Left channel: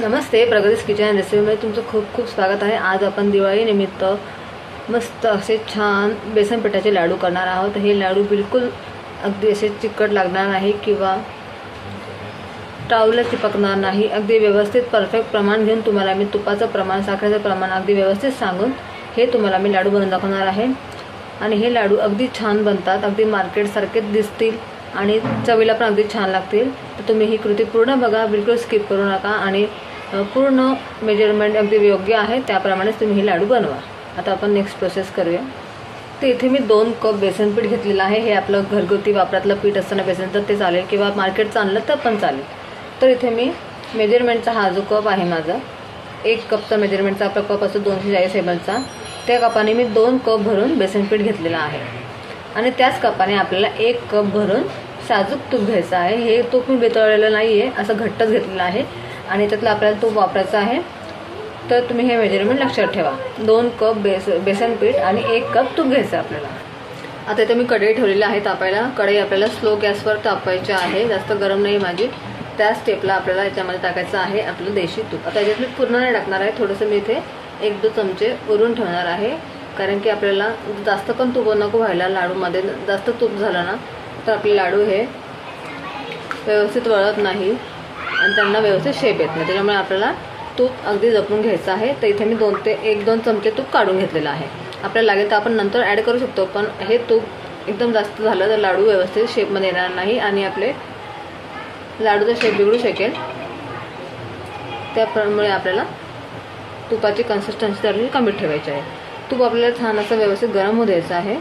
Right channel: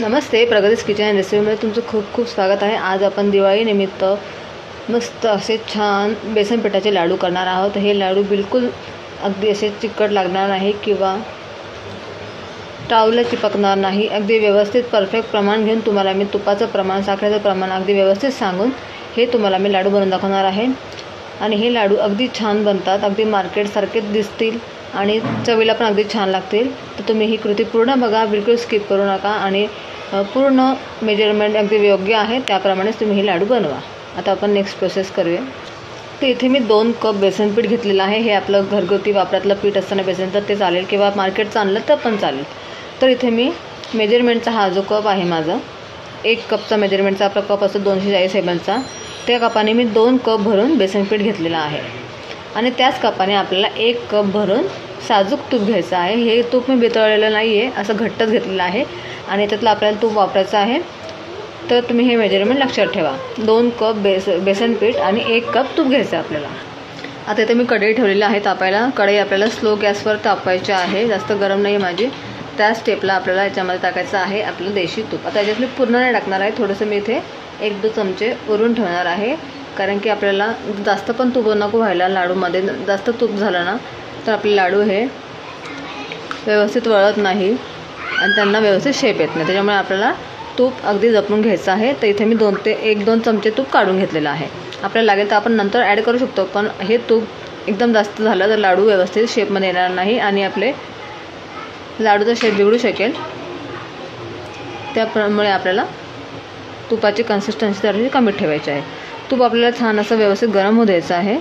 Namaste, प्रगतीज kitchen and रेसिपीमध्ये तुमचं खूप खूप स्वागत आहे। आज आपण दिवाळीनिमित्त मस्त असे छान बेसन पिठाचे लाडू करणार आहोत। हे लाडू बिलकुल अगदी असे चिकट लागणार नाही किंवा टाऊला चिपकणार नाही। अगदी व्यवस्थित परफेक्ट प्रमाण घेऊन तुम्हाला मी तुपाचं प्रमाण, साखरेचं प्रमाण अगदी व्यवस्थित सांगून हे तुम्हाला मी लाडू बनवून दाखवणार आहे। आणि हे लाडू अगदी छान बनतात, अगदी मार्केटसारखेच दिसतील आणि चवीला पण अगदी छान लागतील। तर तुम्ही ही कृती पूर्ण बघा, बिलकुल स्किप करू नका आणि पूर्ण मेजरमेंट अगदी योग्य आहे त्याप्रमाणेच तुम्ही हे लाडू बनवा। आता आपण नेक्स्ट प्रोसेस करूया। तर इथे मी 2 कप बेसन पीठ घेतलेलं आहे। हे आपलं घरगुती वापरातलं पीठ असताना बेसन तर ते चालेल किंवा मार्केटचं आणलं तर पण चालेल। तर इथे मी मेजरमेंटचा हा जो कप आहे माझा, 1 कपचा मेजरमेंटचा आपला कप असतो 240 ml चा, त्या कपाने मी 2 कप भरून बेसन पीठ घेतलेलं आहे। आणि त्याच कपाने आपल्याला 1 कप भरून साजूक तूप घ्यायचं आहे। हे तूप मी वितळलेलं नाही आहे, असं घट्टच घेतलेलं आहे आणि त्यातलं आपल्याला तूप वापरायचं आहे। तर तुम्ही हे मेजरमेंट लक्षात ठेवा। 2 कप बेसन पीठ आणि 1 कप तूप घ्यायचं आपल्याला। आता इथे मी कढई ठेवलेली आहे तापायला। कढई आपल्याला स्लो गॅसवर तापवायची आहे, जास्त गरम नाही माझी। त्या स्टेपला आपल्याला याच्यामध्ये टाकायचं आहे आपलं देशी तूप। आता याच्यातली पूर्ण नाही टाकणार आहे, थोडंसं मी इथे 1-2 चमचे वरून ठेवणार आहे, कारण की आपल्याला जास्त पण तूप नको व्हायला लाडूमध्ये। जास्त तूप झालं ना तर आपले लाडू हे व्यवस्थित वळत नाही आणि त्यांना व्यवस्थित शेप येत नाही। त्याच्यामुळे आपल्याला तूप अगदी जपून घ्यायचं आहे। तर इथे मी 1-2 चमचे तूप काढून घेतलेलं आहे। आपल्याला लागेल तर आपण नंतर ॲड करू शकतो, पण हे तूप एकदम जास्त झालं तर लाडू व्यवस्थित शेपमध्ये येणार नाही आणि आपले लाडूचा शेप बिघडू शकेल। त्यामुळे आपल्याला तुपाची कन्सिस्टन्सी थोडीशी कमी ठेवायची आहे। तूप आपल्याला छान असं व्यवस्थित गरम होऊ द्यायचं आहे।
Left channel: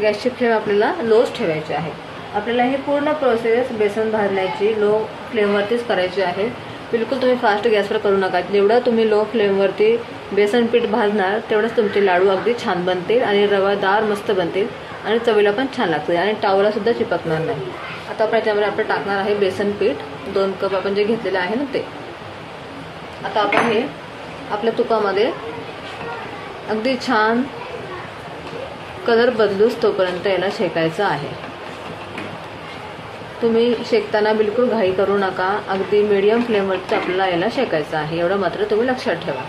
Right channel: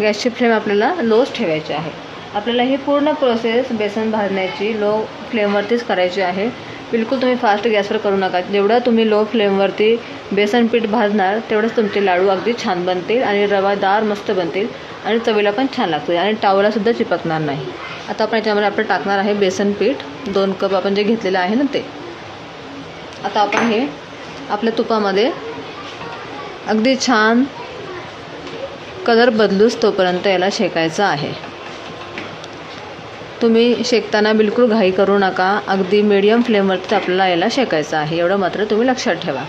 गॅसची फ्लेम आपल्याला लोच ठेवायची आहे। आपल्याला ही पूर्ण प्रोसेस बेसन भाजण्याची लो फ्लेमवरतीच करायची आहे। बिलकुल तुम्ही फास्ट गॅसवर करू नका। जेवढं तुम्ही लो फ्लेमवरती बेसन पीठ भाजणार तेवढंच तुमचे लाडू अगदी छान बनतील आणि रवादार मस्त बनतील आणि चवीला पण छान लागतील आणि टावला सुद्धा चिपकणार नाही। आता आपण याच्यामध्ये आपण टाकणार आहे बेसन पीठ, 2 कप आपण जे घेतलेलं आहे ना ते। आता आपण हे आपल्या तुपामध्ये अगदी छान कलर बदलूच तोपर्यंत याला शेकायचं आहे। तुम्ही शेकताना बिलकुल घाई करू नका, अगदी मीडियम फ्लेमवरती आपल्याला याला शेकायचं आहे, एवढं मात्र तुम्ही लक्षात ठेवा।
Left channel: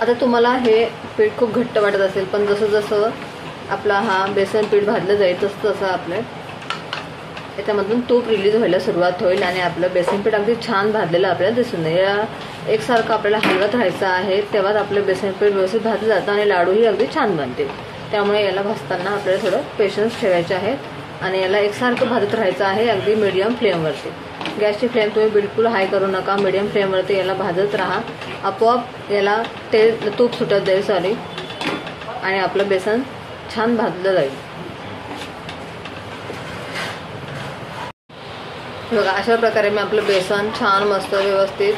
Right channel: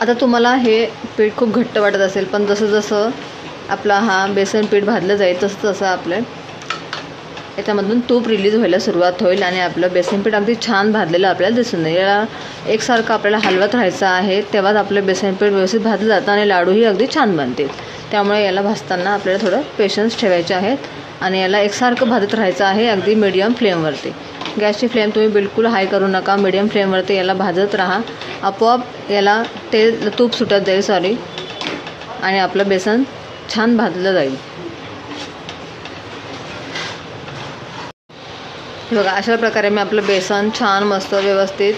आता तुम्हाला हे पीठ खूप घट्ट वाटत असेल, पण जसं जसं आपला हा बेसन पीठ भाजलं जाईल तसं तसं आपलं याच्यामधून तूप रिलीज व्हायला सुरुवात होईल आणि आपलं बेसन पीठ अगदी छान भाजलेलं आपल्याला दिसून येईल। याला एकसारखं आपल्याला हलवत राहायचं आहे, तेव्हाच आपलं बेसन पीठ व्यवस्थित भाजलं जातं आणि लाडूही अगदी छान बनतील। त्यामुळे याला भाजताना आपल्याला थोडं पेशन्स ठेवायचे आहेत आणि याला एकसारखं भाजत राहायचं आहे अगदी मीडियम फ्लेमवरती। गॅसची फ्लेम तुम्ही बिलकुल हाय करू नका, मीडियम फ्लेमवरती याला भाजत राहा। आपोआप याला तूप सुटत जाईल आणि आपलं बेसन छान भाजलं जाईल। बघा, अशा प्रकारे मी आपलं बेसन छान मस्त व्यवस्थित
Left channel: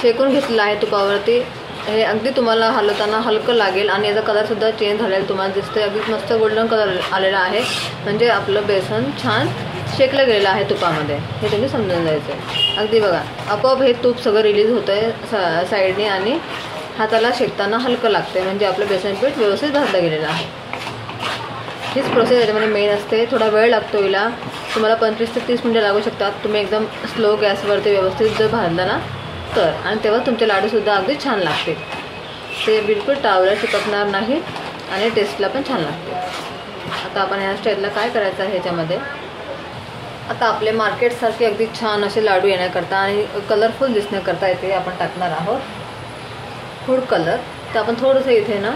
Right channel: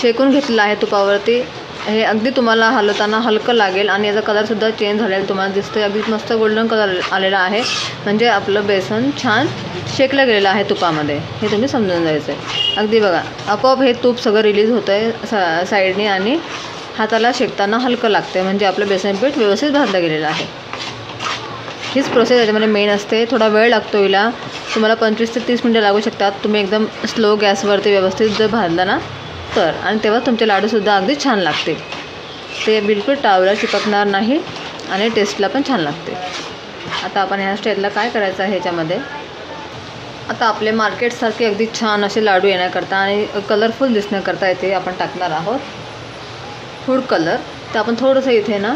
शेकून घेतलेलं आहे तुपावरती। हे अगदी तुम्हाला हलवताना हलकं लागेल आणि याचा कलरसुद्धा चेंज झालेला तुम्हाला दिसतोय, अगदी मस्त गोल्डन कलर आलेला आहे, म्हणजे आपलं बेसन छान शेकलं गेलेलं आहे तुपामध्ये, हे तुम्ही समजून जायचं आहे। अगदी बघा, आपोआप हे तूप सगळं रिलीज होतं आहे साईडने आणि हाताला शेकताना हलकं लागतं, म्हणजे आपलं बेसन पीठ व्यवस्थित भाजलं गेलेलं आहे। हीच प्रोसेस याच्यामध्ये मेन असते। थोडा वेळ लागतो हिला, तुम्हाला 25 ते 30 मिनिटं लागू शकतात, तुम्ही एकदम स्लो गॅसवरती व्यवस्थित जर भाजलं ना तर, आणि तेव्हा तुमचे लाडूसुद्धा अगदी छान लागतील। ते बिलकुल टावला चिपकणार नाही आणि टेस्टला पण छान लागते। आता आपण ह्या स्टेजला काय करायचं आहे ह्याच्यामध्ये, आता आपले मार्केटसारखे अगदी छान असे लाडू येण्याकरता आणि कलरफुल दिसण्याकरता इथे आपण टाकणार आहोत फूड कलर। तर आपण थोडंसं इथे ना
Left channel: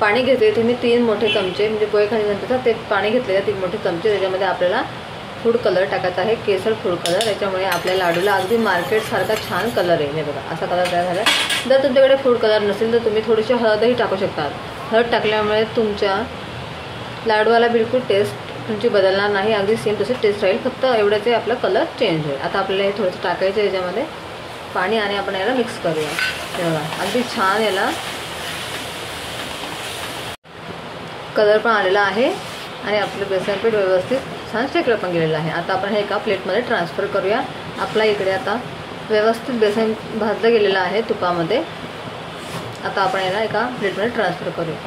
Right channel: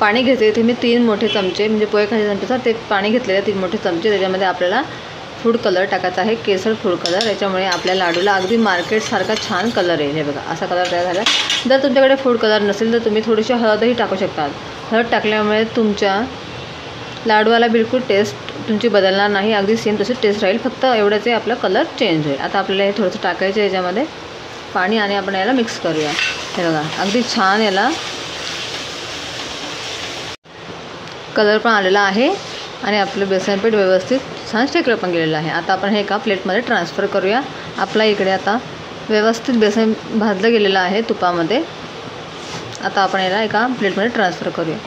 पाणी घेते। इथे मी 3 मोठे चमचे, म्हणजे पोहे खायच्या चमच्याचं ते पाणी घेतलेलं 3 मोठे चमचे। त्याच्यामध्ये आपल्याला फूड कलर टाकायचा आहे, केसर फूड कलर। याच्यामुळे आपल्या लाडूला अगदी मार्केटसारखा छान कलर येईल। हे बघा, असा कलर तयार झाला। जर तुमच्याकडे फूड कलर नसेल तर तुम्ही थोडीशी हळदही टाकू शकता। हळद टाकल्यामुळे तुमच्या लाडूला बिलकुल टेस्ट तुमची बदलणार नाही, अगदी सेम तशी टेस्ट राहील, फक्त एवढंच आहे आपला कलर चेंज होईल। आता आपल्याला हे थोडंसं टाकायचं आहे याच्यामध्ये पाणी आणि आपण याला मिक्स करूया। हे बघा, अगदी छान याला कलर पण आलेला आहे आणि आपलं बेसन पीठ व्यवस्थित छान शेकलं पण गेलेलं आहे। आता आपण हे एका प्लेटमध्ये ट्रान्सफर करूया। आपला इकडे आता व्यवस्थित बेसन भाजलं गेलेलं आहे तुपामध्ये। आता आपण याला एका प्लेटमध्ये ट्रान्सफर करूया।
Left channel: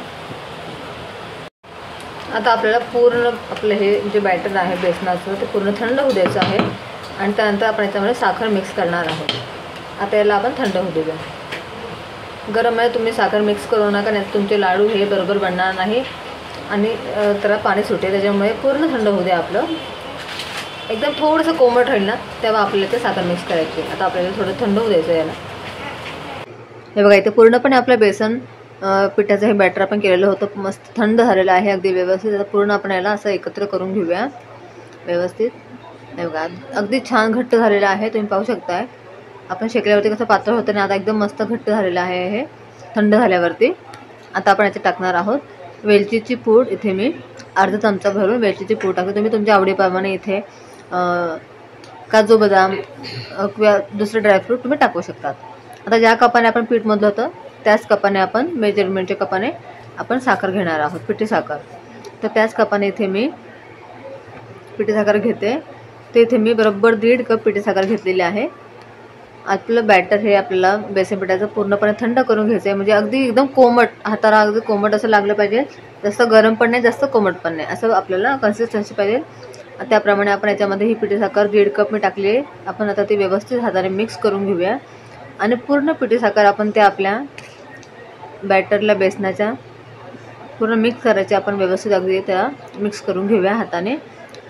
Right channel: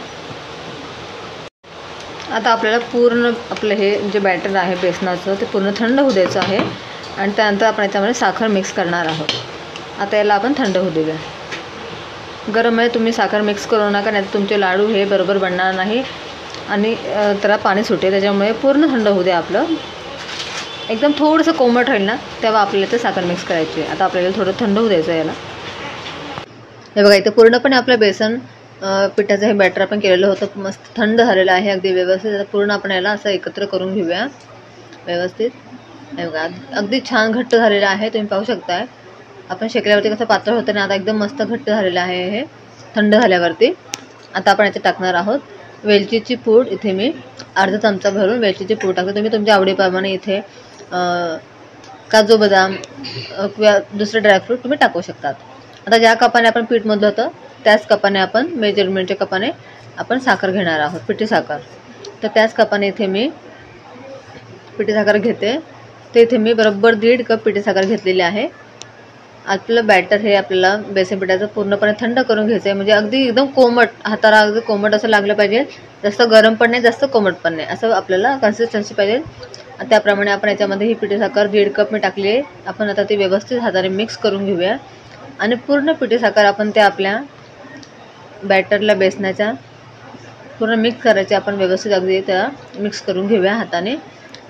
आता आपल्याला पूर्ण आपलं हे जे बॅटर आहे बेसनाचं ते पूर्ण थंड होऊ द्यायचं आहे आणि त्यानंतर आपण याच्यामध्ये साखर मिक्स करणार आहोत. आता याला आपण थंड होऊ देऊया. गरममध्ये तुम्ही साखर मिक्स करू नका, नाही तुमचे लाडू हे बरोबर बनणार नाही आणि त्याला पाणी सुटेल. त्याच्यामुळे पूर्ण थंड होऊ द्या. आपलं एकदम थोडंसं कोमट राहील ना तेव्हा आपल्याला ते साखर मिक्स करायची. आता आपल्याला थोडं थंड होऊ द्यायचं याला. हे बघा इथे पूर्णपणे आपलं बेसन पिठाचं हे बॅटर आपण केलेलं होतं मस्त थंड झालेलं आहे अगदी व्यवस्थित. आता पूर्ण आपण याला असं एकत्र करून घेऊया व्यवस्थित. हे बघा अगदी छान घट्ट झालेलं आहे. तुम्ही पाहू शकताय आपण शेकल्यावरती कसं पातळ होतं ना, आता एकदम मस्त घट्ट झालेलं आहे हे थंड झाल्यावरती. आता आपण याच्यात टाकणार आहोत वेलचीची पूड. इथे मी अर्धा चमचा भरून वेलचीची पूड टाकते. तुम्ही तुमच्या आवडीप्रमाणे इथे काजू बदाम किंवा दुसरे ड्रायफ्रूट तुम्ही टाकू शकतात. आता ज्या कपाने आपण पीठ मधलं होतं त्याच कपाने आपण मेजरमेंटच्या कपाने आपण साखर घेणार आहोत, पिठी साखर. तर त्याच कपाने इथे मी पिठी साखर घेते. तर इथे मी बरोबर 1.5 कप पिठी साखर घेतलेली आहे. आपलं बॅटर हे आपल्याला बेसन पिठाचं पूर्णपणे थंड करून घ्यायचं आहे. म्हणजे अगदी एकदम कोमट, हाताला अगदी कोमट असं लागलं पाहिजे. जास्त गरम पण नाही जास्त कोमट पण नाही, असं आपल्याला कन्सिस्टन्सी पाहिजे. त्याप्रमाणे आपण याच्यामध्ये ही पिठी साखर 1.5 कप मी टाकली आहे. आपण आता ती व्यवस्थित हाताने मिक्स करून घेऊया आणि पूर्ण पिठी साखर आपण त्या आपल्या बॅटरला बेसनाच्या पूर्ण मिक्स करायचे. आपण व्यवस्थित अगदी त्याला मिक्स करून घेऊया हाताने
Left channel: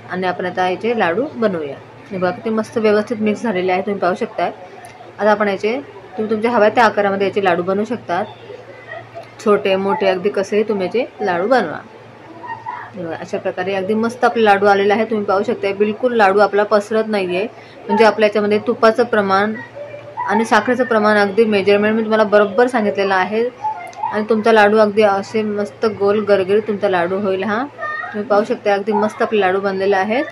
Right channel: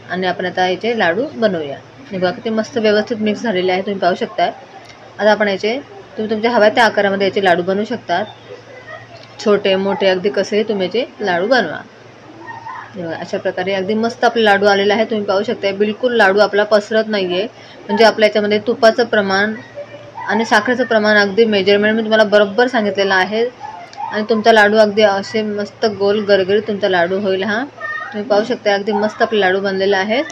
आणि आपण आता याचे लाडू बनवूया. हे बघा किती मस्त व्यवस्थित मिक्स झालेले आहे, तुम्ही पाहू शकताय. आता आपण याचे तुम्ही तुमच्या हव्या त्या आकारामध्ये याचे लाडू बनवू शकतात. छोटे मोठे अगदी कसेही तुम्ही याचे लाडू बनवा. हे बघा अशा प्रकारे अगदी मस्त आपले लाडू आलेले आहे, तुम्ही पाहू शकताय. बिलकुल लाडू आपला पसरत नाही आहे. म्हणजे आपल्या याच्यामध्ये तुपाचं प्रमाण आणि साखरेचं प्रमाण अगदी मेजरमेंट मी तुम्हाला बरोबर सांगितलेलं आहे आणि तुमचा लाडू अगदी असे मस्त गोल गरगरीत तुमचा लाडू होईल. हा तुम्ही पाहू शकता अगदी मस्त आपले लाडू बनलेले आहेत.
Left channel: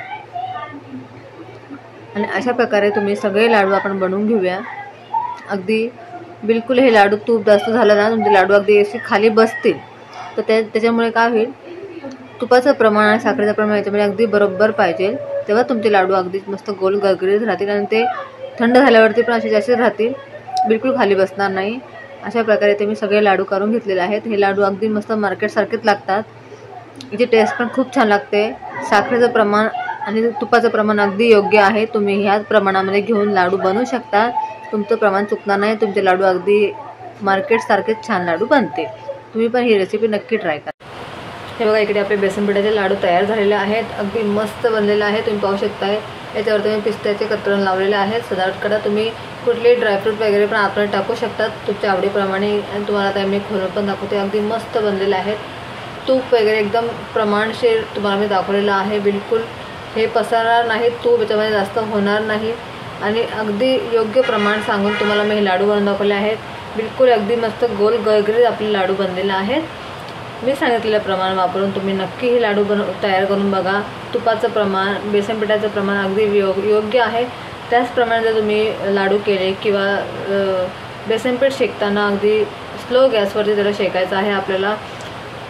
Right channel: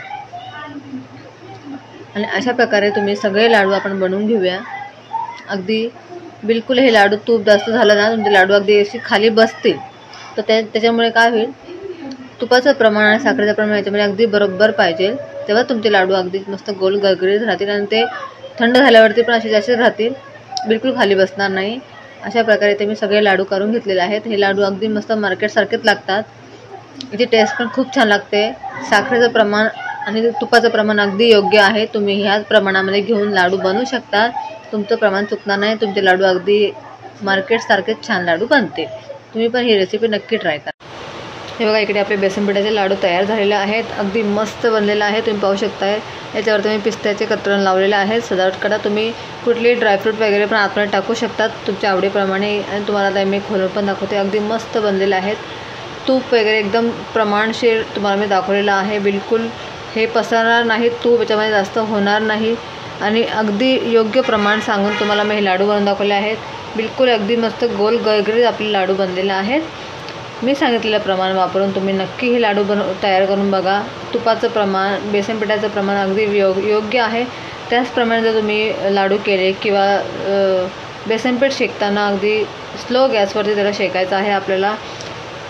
आणि अशा प्रकारे तुम्ही सगळे लाडू आपण बनवून घेऊया. अगदी बिलकुल हे लाडू तूप जास्त झालं ना तुमचे लाडू अगदी असे खाली बसतील. तर त्याच्यामुळे काय होईल, तुपाचं प्रमाण आणि साखरेचं प्रमाण याच्यामध्ये अगदी बरोबर पाहिजे. तेव्हा तुमचे लाडू अगदी मस्त गोल गरगरीत राहतील आणि ते थंड झाल्यावरती पण असे जास्त राहतील, बिलकुल खाली बसणार नाही. अशा प्रकारे ते मी सगळे लाडू करून घेतलेले आहेत. हे लाडू अगदी मस्त मार्केटसारखेच लागतात. याची टेस्ट पण खूप छान लागते. साखरेचं प्रमाण आणि तुपाचं प्रमाण अगदी योग्य आहे. तुम्ही ह्याच प्रमाणामध्ये घेऊन लाडू बनवू शकता. तुमचं प्रमाण चुकणार नाही. तुमचे लाडू अगदी मार्केटसारखेच छान लाडू बनते. तुम्ही पण ही रेसिपी नक्की ट्राय करा. हे बघा इकडे आपले बेसन पिठाचे लाडू तयार झालेले आहेत. अगदी मस्त बनलेले आहे, तुम्ही पाहू शकताय. याच्यावर तुम्ही पिस्त्याचे कतरण लावलेले आहेत. सजावट करा. तुम्ही कुठलेही ड्रायफ्रूट वगैरे पण आतमध्ये टाकू शकतात तुमच्या आवडीप्रमाणे. आणि तुम्हाला त्या मी खोलून पण दाखवते. अगदी मस्त बनलेले आहेत. तूप वगैरे एकदम प्रमाणशीर तुम्हाला मी दाखवलेलं आहे. बिलकुल हे पसरणार नाही, तूप याच्यामध्ये जास्त होणार नाही आणि अगदी योग्य प्रमाण सांगून तुम्हाला मी हे लाडू बनवून दाखवले आहेत. बिलकुल अगदी मस्त गोल गरगरीत आपले लाडू बनलेले आहेत. मी सांगितलेलं प्रमाण वापरून तुम्ही नक्की हे लाडू तयार करून बघा. तुपाचं प्रमाण बेसन पिठाचं प्रमाण अगदी योग्य आहे. त्याचप्रमाणे जर तुम्ही लाडू केले किंवा बेसन पीठ शेकताना अगदी स्लो गॅसवरती त्याला शेकायचं आहे आपल्याला.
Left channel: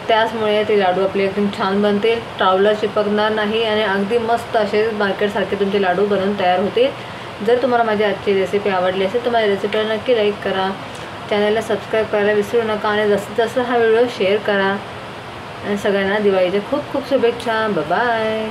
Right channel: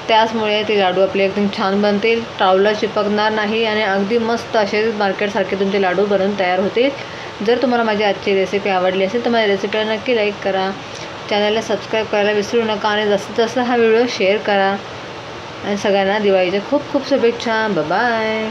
त्याचमुळे ते लाडू आपले एकदम छान बनतील, टावला चिपकणार नाही आणि अगदी मस्त असे मार्केटसारखे तुमचे लाडू बनवून तयार होतील. जर तुम्हाला माझी आजची रेसिपी आवडली असेल तर माझ्या रेसिपीला नक्की लाईक करा, चॅनलला सबस्क्राईब करायला विसरू नका आणि जास्तीत जास्त हा व्हिडिओ शेअर करा. आणि सगळ्यांना दिवाळीच्या खूप खूप शुभेच्छा. बाय.